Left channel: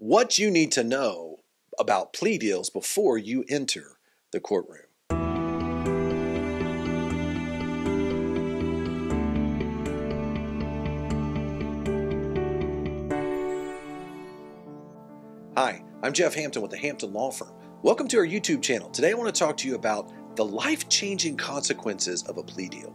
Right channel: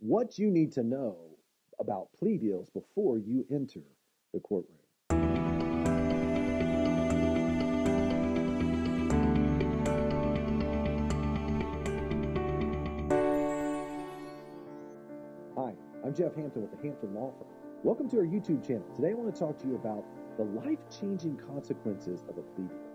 what you need to know about plea deals before you enter the courtroom. Hi, I'm Jeff Hampton with the Hampton Law Firm. Welcome to our YouTube channel. Today I want to talk to you about the life-changing consequences of a plea deal.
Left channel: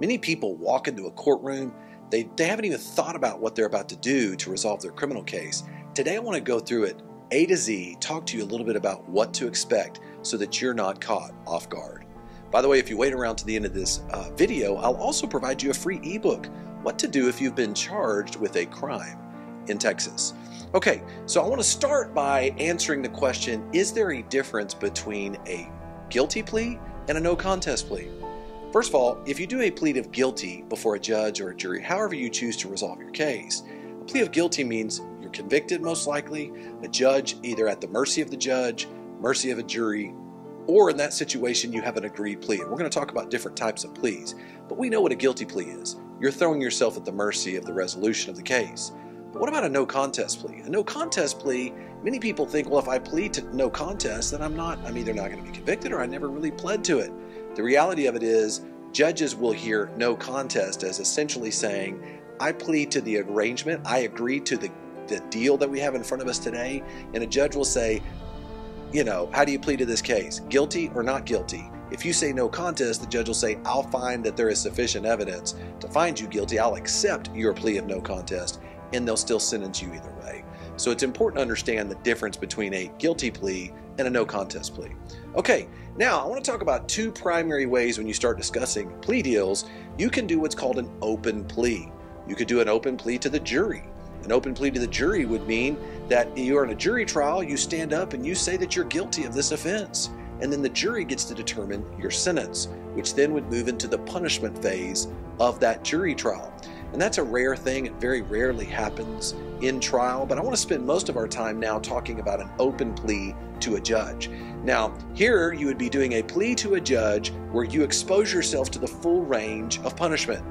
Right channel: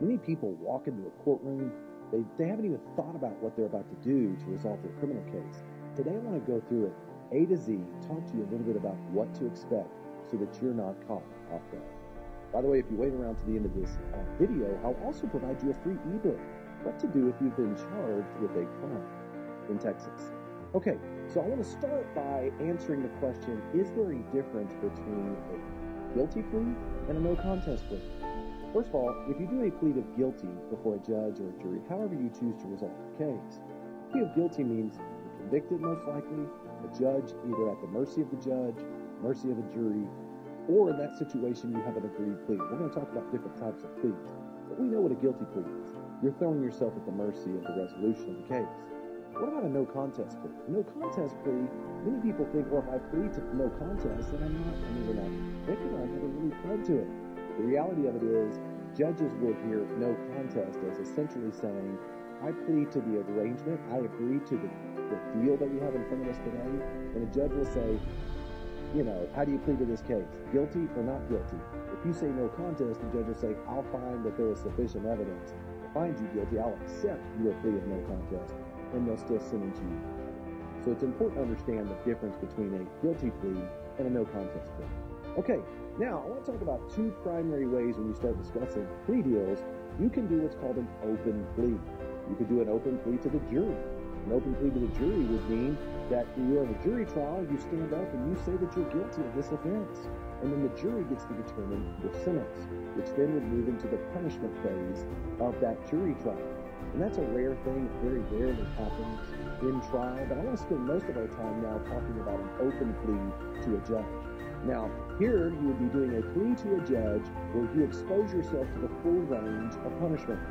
Many people walk into a courtroom, they haven't even thought about what they're about to do to resolve their criminal case. Today I want to go through it A to Z, talk to you a little bit about what to expect so that you're not caught off guard. By the way, if you wait around to the end of this video, I'll also provide you a free ebook, What to Do If You've Been Charged with a Crime in Texas. Okay, so I want to start by answering the question, is there a difference between a guilty plea and a no contest plea? First of all, if you do a plea of guilty before a judge or a jury, however you choose to resolve your case, a plea of guilty means you're convicted most likely, a judge either at the mercy of the judge, mercy of a jury, or in that situation you have an agreed plea. And we're going to talk about different types of pleas, but we know what a guilty plea is. You're throwing yourself at the mercy of the resolution of the case. But what about a no contest plea? A no contest plea, many people think, well, if I plead to no contest, then I'm either not going to be convicted or I never really pled to it. The reality of it is, judges will hear no contest as essentially saying, I plead to the arrangement, I agree to the deal that we have in front of us today, and a judge will say, how do you plead to this case? Guilty or not guilty? If you say no contest, the judge will say, I'll find that there is sufficient evidence to find you guilty, I'll accept your plea of no contest, and they'll still sentence you either way. So it's important to understand the difference between a guilty plea and a no contest plea. Okay, now I want to talk about two primary ways when you start discussing plea deals. You can do what's called an open plea. You could do an open plea to the jury. An open plea to the jury would mean that you're in a jury trial, you stand up and you say that you're guilty of this offense. And then the jury gets to determine your sentence, which then would move into the punishment phase of that jury trial. And that's a rare thing. It very rarely happens in trial, but I want to spend most of our time now talking about an open plea to a judge. Now, here you would be doing a plea to a judge where you expose yourself to the full range of punishment.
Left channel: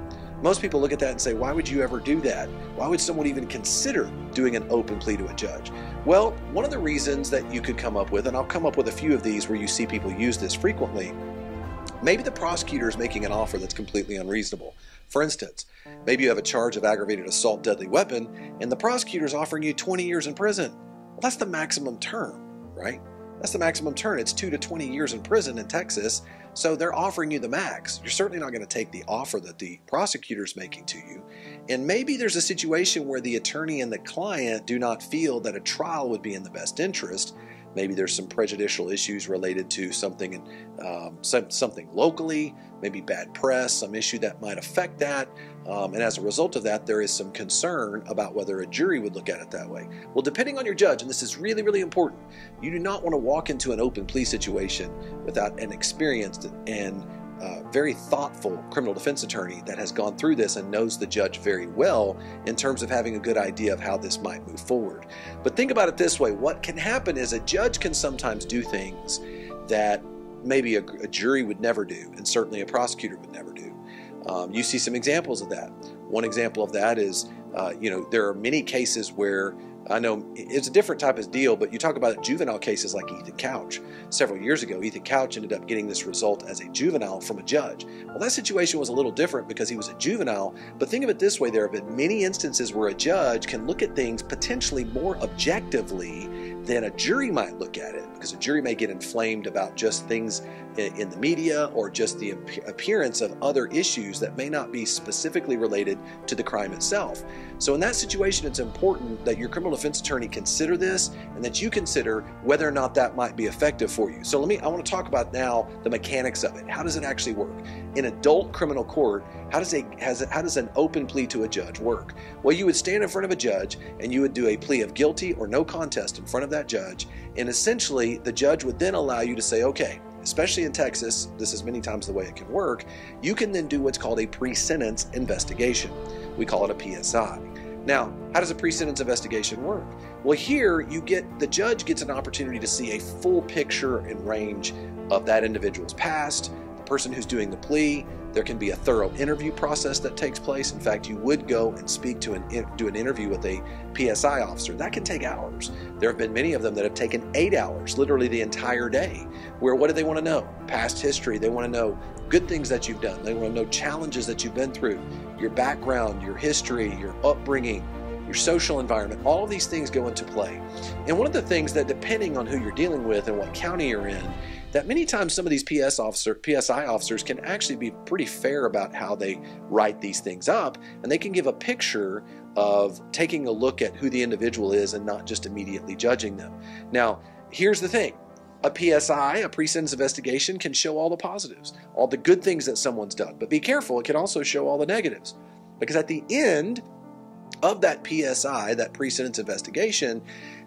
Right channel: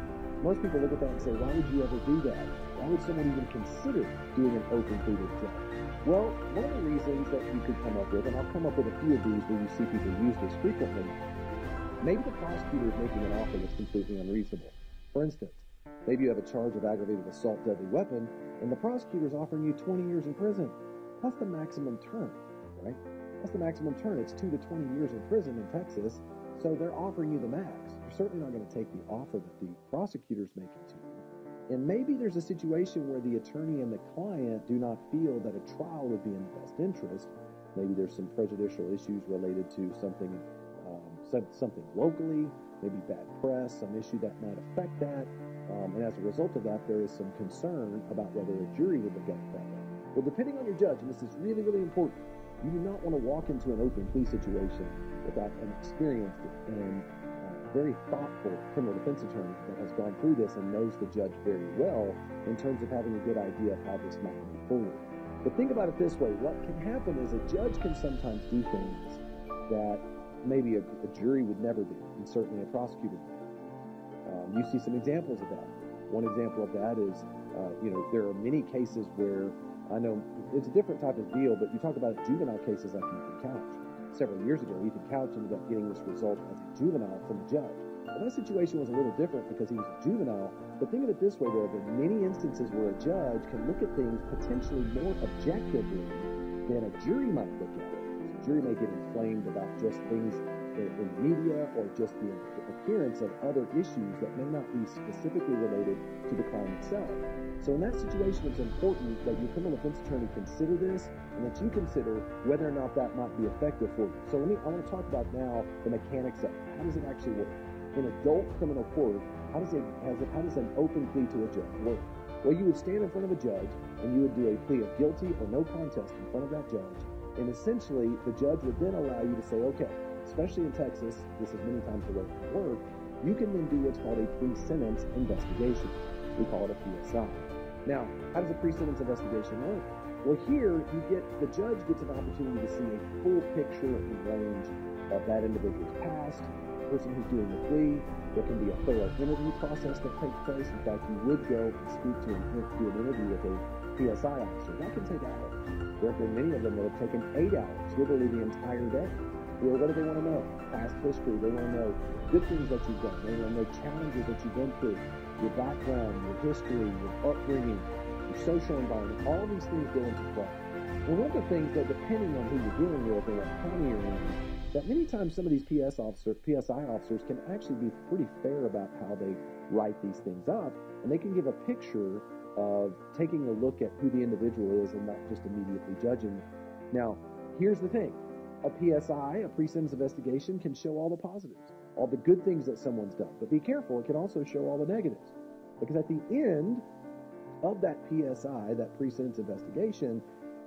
Most people look at that and say, why would you ever do that? Why would someone even consider doing an open plea to a judge? Well, one of the reasons that you could come up with, and I'll come up with a few of these where you see people use this frequently, maybe the prosecutor is making an offer that's completely unreasonable. For instance, maybe you have a charge of aggravated assault deadly weapon and the prosecutor is offering you 20 years in prison. Well, that's the maximum term, right? That's the maximum term. It's 2 to 20 years in prison in Texas. So they're offering you the max. You're certainly not going to take the offer that the prosecutor's making to you. And maybe there's a situation where the attorney and the client do not feel that a trial would be in the best interest. Maybe there's some prejudicial issues related to something locally, maybe bad press, some issue that might affect that. And as a result of that, there is some concern about whether a jury would look at it that way. Well, depending on your judge, and this is really, really important, you do not want to walk into an open plea situation without an experienced and very thoughtful criminal defense attorney that has gone through this and knows the judge very well in terms of having a good idea of how this might move forward. But think about it this way. What can happen is a judge can sometimes do things that maybe a jury would never do, and certainly a prosecutor would never do. You see some examples of that. One example of that is, there are many cases where, I know it's a different type of deal, but you talk about juvenile cases like Ethan Couch. Several years ago, Ethan Couch ended up getting this result as a juvenile from a judge. Well, that situation was a little different because he was a juvenile, but think of it this way, there have been many instances where a judge can look at things potentially more objectively than a jury might look at it, because a jury may get inflamed about just things in the media or just the appearance of other issues that may not be specifically related to the crime itself. So in that situation, it's important that your criminal defense attorney consider this and that you consider whether or not that might be effective for you. So I want to talk about now the mechanics of it. How does it actually work? In adult criminal court, how does an open plea to a judge work? Well, you would stand in front of a judge and you would do a plea of guilty or no contest in front of that judge, and essentially the judge would then allow you to say, okay, especially in Texas, this is many times the way it can work, you can then do what's called a pre-sentence investigation. We call it a PSI. Now, how does a pre-sentence investigation work? Well, here the judge gets an opportunity to see a full picture and range of that individual's past, the person who's doing the plea. There can be a thorough interview process that takes place. In fact, you would go and speak to do an interview with a PSI officer, that can take hours. There have been many of them that have taken 8 hours, literally the entire day, where what do they want to know? Past history. They want to know good things that you've done. They want to know challenges that you've been through, your background, your history, your upbringing, your social environment. All of these things go into play. And one of the things that, depending on who you're dealing with and what county you're in, that many times some of these PSI officers can actually be pretty fair about how they write these things up, and they can give a picture of taking a look at who the individual is and not just immediately judging them. Now, here's the thing. A PSI, a pre-sentence investigation, can show all the positives, all the good things that someone's done. But be careful, it can also show all the negatives. Because at the end of that PSI, that pre-sentence investigation,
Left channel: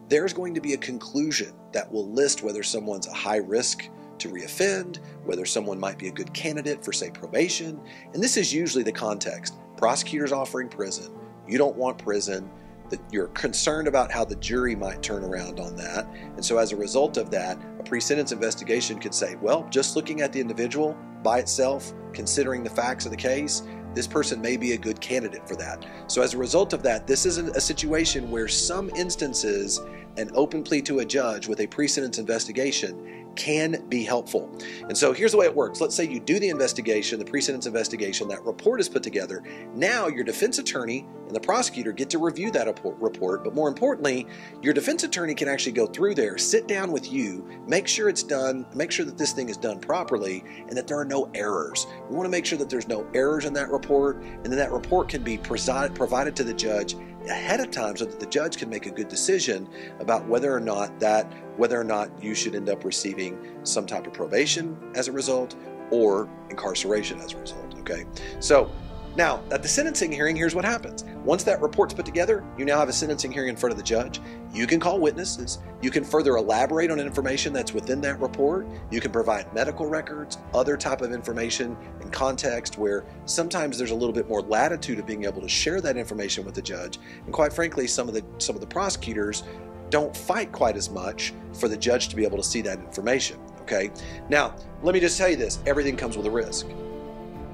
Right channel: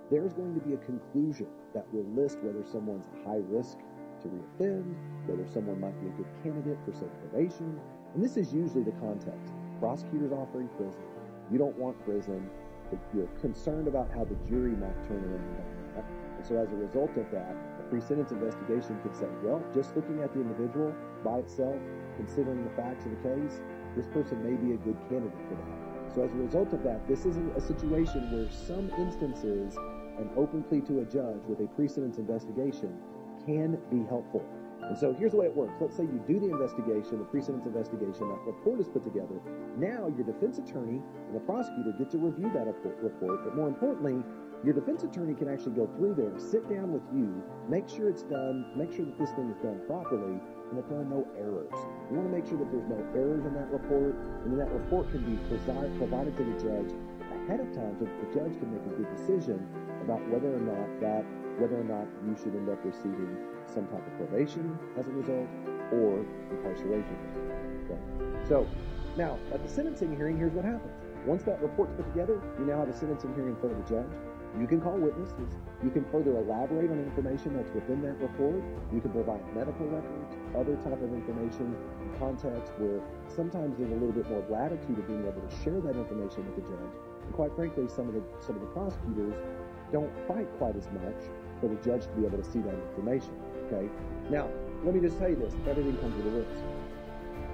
there's going to be a conclusion that will list whether someone's a high risk to reoffend, whether someone might be a good candidate for, say, probation. And this is usually the context. Prosecutors offering prison. You don't want prison. That you're concerned about how the jury might turn around on that. And so as a result of that, a pre-sentence investigation could say, well, just looking at the individual by itself, considering the facts of the case, this person may be a good candidate for that. So as a result of that, this is a situation where some instances, an open plea to a judge with a pre-sentence investigation can be helpful. And so here's the way it works. Let's say you do the investigation, the pre-sentence investigation, that report is put together. Now your defense attorney and the prosecutor get to review that report, but more importantly, your defense attorney can actually go through there, sit down with you, make sure it's done, make sure that this thing is done properly, and that there are no errors. You want to make sure that there's no errors in that report, and then that report can be provided to the judge ahead of time so that the judge can make a good decision about whether or not you should end up receiving some type of probation as a result or incarceration as a result, okay? So now at the sentencing hearing, here's what happens. Once that report's put together, you now have a sentencing hearing in front of the judge. You can call witnesses. You can further elaborate on information that's within that report. You can provide medical records, other type of information and context where sometimes there's a little bit more latitude of being able to share that information with the judge. And quite frankly, some of the prosecutors don't fight quite as much for the judge to be able to see that information, okay? Now, let me just tell you this, everything comes with a risk.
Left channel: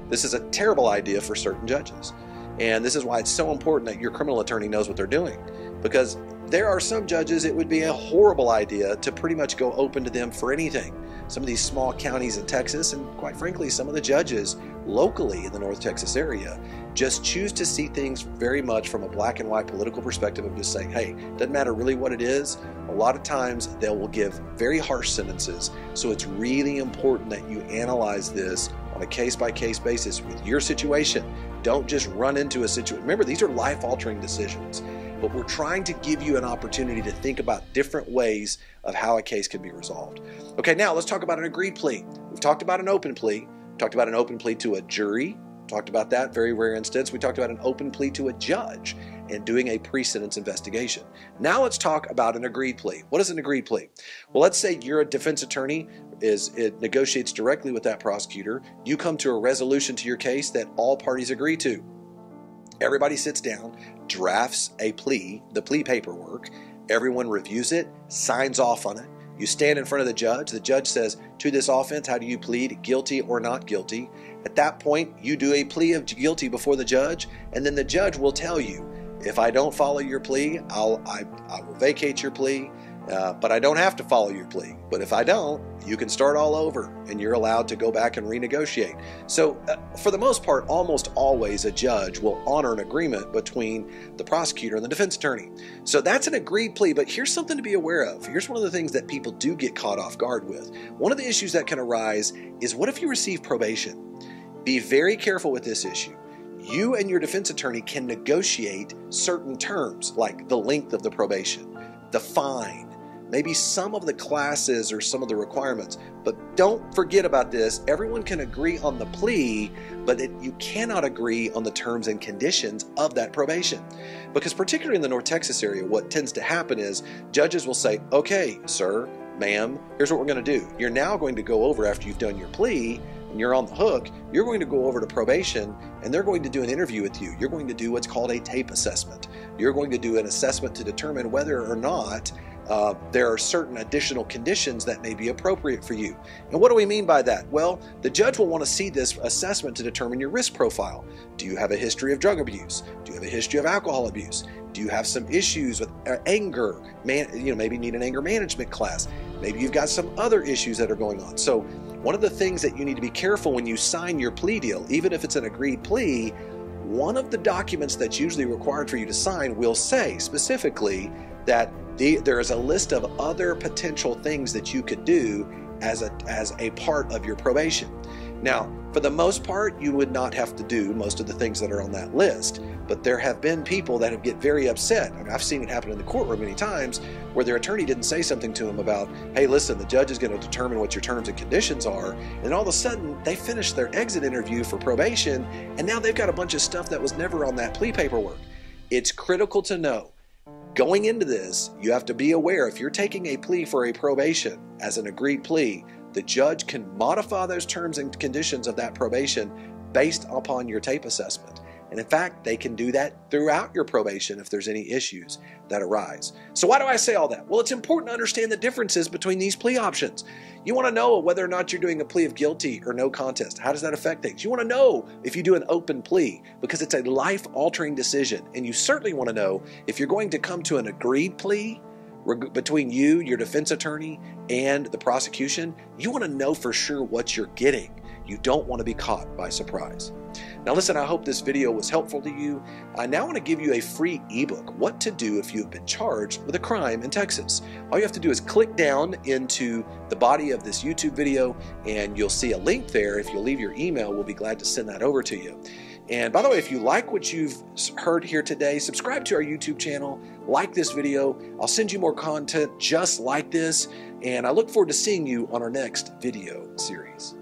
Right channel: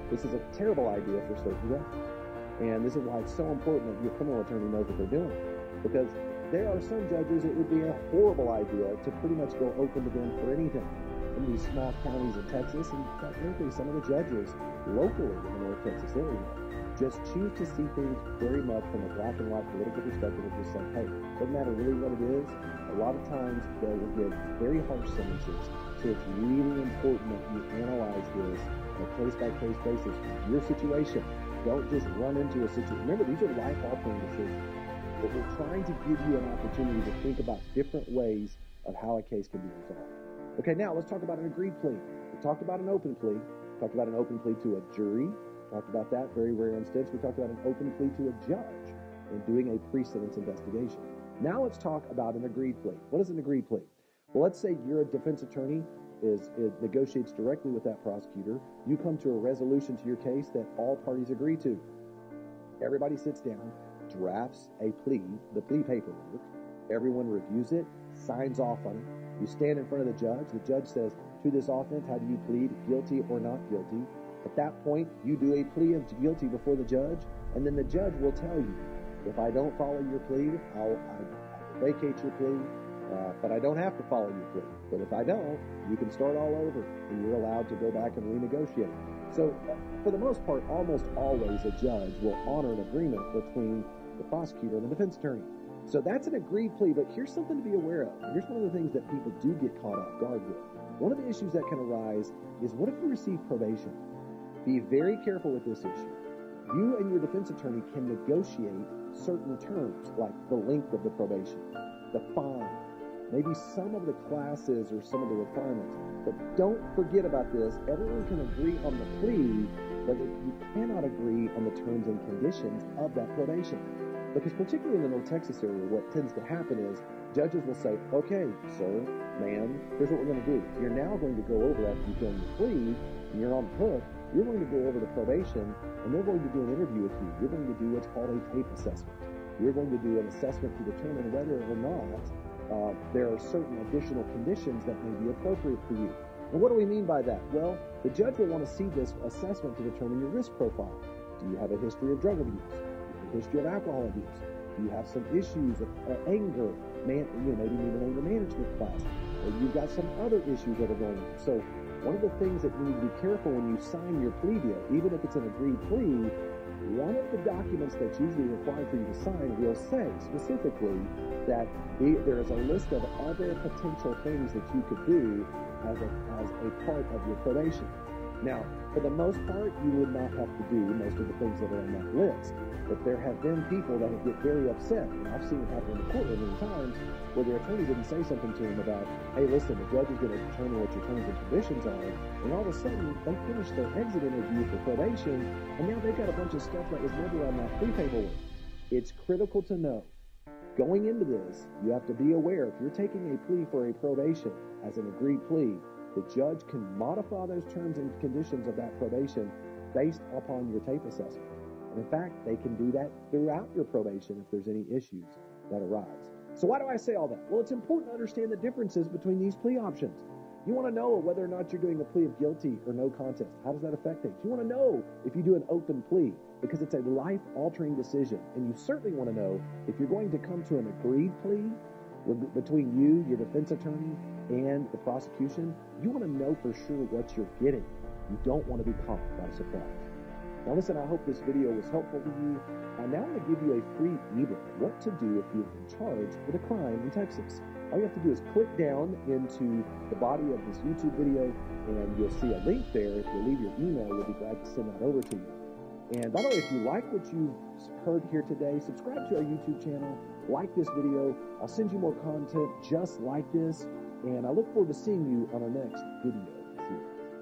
This is a terrible idea for certain judges. And this is why it's so important that your criminal attorney knows what they're doing. Because there are some judges, it would be a horrible idea to pretty much go open to them for anything. Some of these small counties in Texas, and quite frankly, some of the judges locally in the North Texas area, just choose to see things very much from a black and white political perspective of just saying, hey, doesn't matter really what it is. A lot of times they will give very harsh sentences. So it's really important that you analyze this on a case-by-case basis with your situation. Don't just run into a situation. Remember, these are life-altering decisions, but we're trying to give you an opportunity to think about different ways of how a case can be resolved. Okay, now let's talk about an agreed plea. We've talked about an open plea. We've talked about an open plea to a jury. Talked about that, very rare instance. We talked about an open plea to a judge and doing a pre-sentence investigation. Now let's talk about an agreed plea. What is an agreed plea? Well, let's say you're a defense attorney, it negotiates directly with that prosecutor. You come to a resolution to your case that all parties agree to. Everybody sits down, drafts a plea, the plea paperwork. Everyone reviews it, signs off on it. You stand in front of the judge. The judge says, to this offense, how do you plead, guilty or not guilty? At that point, you do a plea of guilty before the judge, and then the judge will tell you, if I don't follow your plea, I will vacate your plea, but I don't have to follow your plea. But if I don't, you can start all over, and you're allowed to go back and renegotiate. So for the most part, almost always a judge will honor an agreement between the prosecutor and the defense attorney. So that's an agreed plea, but here's something to be aware of. Here's one of the things that people do get caught off guard with. One of the issues that can arise is, what if you receive probation? Be very careful with this issue. You and your defense attorney can negotiate certain terms, like the length of the probation, the fine, maybe some of the classes or some of the requirements. But don't forget about this. Everyone can agree on the plea, but you cannot agree on the terms and conditions of that probation. Because particularly in the North Texas area, what tends to happen is judges will say, okay, sir, ma'am, here's what we're going to do. You're now going to go over, after you've done your plea, and you're on the hook, you're going to go over to probation, and they're going to do an interview with you. You're going to do what's called a TAIP assessment. You're going to do an assessment to determine whether or not there are certain additional conditions that may be appropriate for you. And what do we mean by that? Well, the judge will want to see this assessment to determine your risk profile. Do you have a history of drug abuse? Do you have a history of alcohol abuse? Do you have some issues with anger? Maybe need an anger management class. Maybe you've got some other issues that are going on. So one of the things that you need to be careful when you sign your plea deal, even if it's an agreed plea, one of the documents that's usually required for you to sign will say specifically that there is a list of other potential things that you could do as a part of your probation. Now, for the most part, you would not have to do most of the things that are on that list, but there have been people that get very upset. I mean, I've seen it happen in the courtroom many times where their attorney didn't say something to them about, hey, listen, the judge is going to determine what your terms and conditions are, and all of a sudden they finished their exit interview for probation, and now they've got a bunch of stuff that was never on that plea paperwork. It's critical to know. Going into this, you have to be aware if you're taking a plea for a probation as an agreed plea, the judge can modify those terms and conditions of that probation based upon your TAIP assessment. And in fact, they can do that throughout your probation if there's any issues that arise. So why do I say all that? Well, it's important to understand the differences between these plea options. You want to know whether or not you're doing a plea of guilty or no contest. How does that affect things? You want to know if you do an open plea because it's a life-altering decision. And you certainly want to know if you're going to come to an agreed plea between you, your defense attorney, and the prosecution. You want to know for sure what you're getting. You don't want to be caught by surprise. Now listen, I hope this video was helpful to you. I now want to give you a free ebook, What to Do If You've Been Charged with a Crime in Texas. All you have to do is click down into the body of this YouTube video and you'll see a link there. If you'll leave your email, we'll be glad to send that over to you. And by the way, if you like what you've heard here today, subscribe to our YouTube channel, like this video. I'll send you more content just like this, and I look forward to seeing you on our next video series.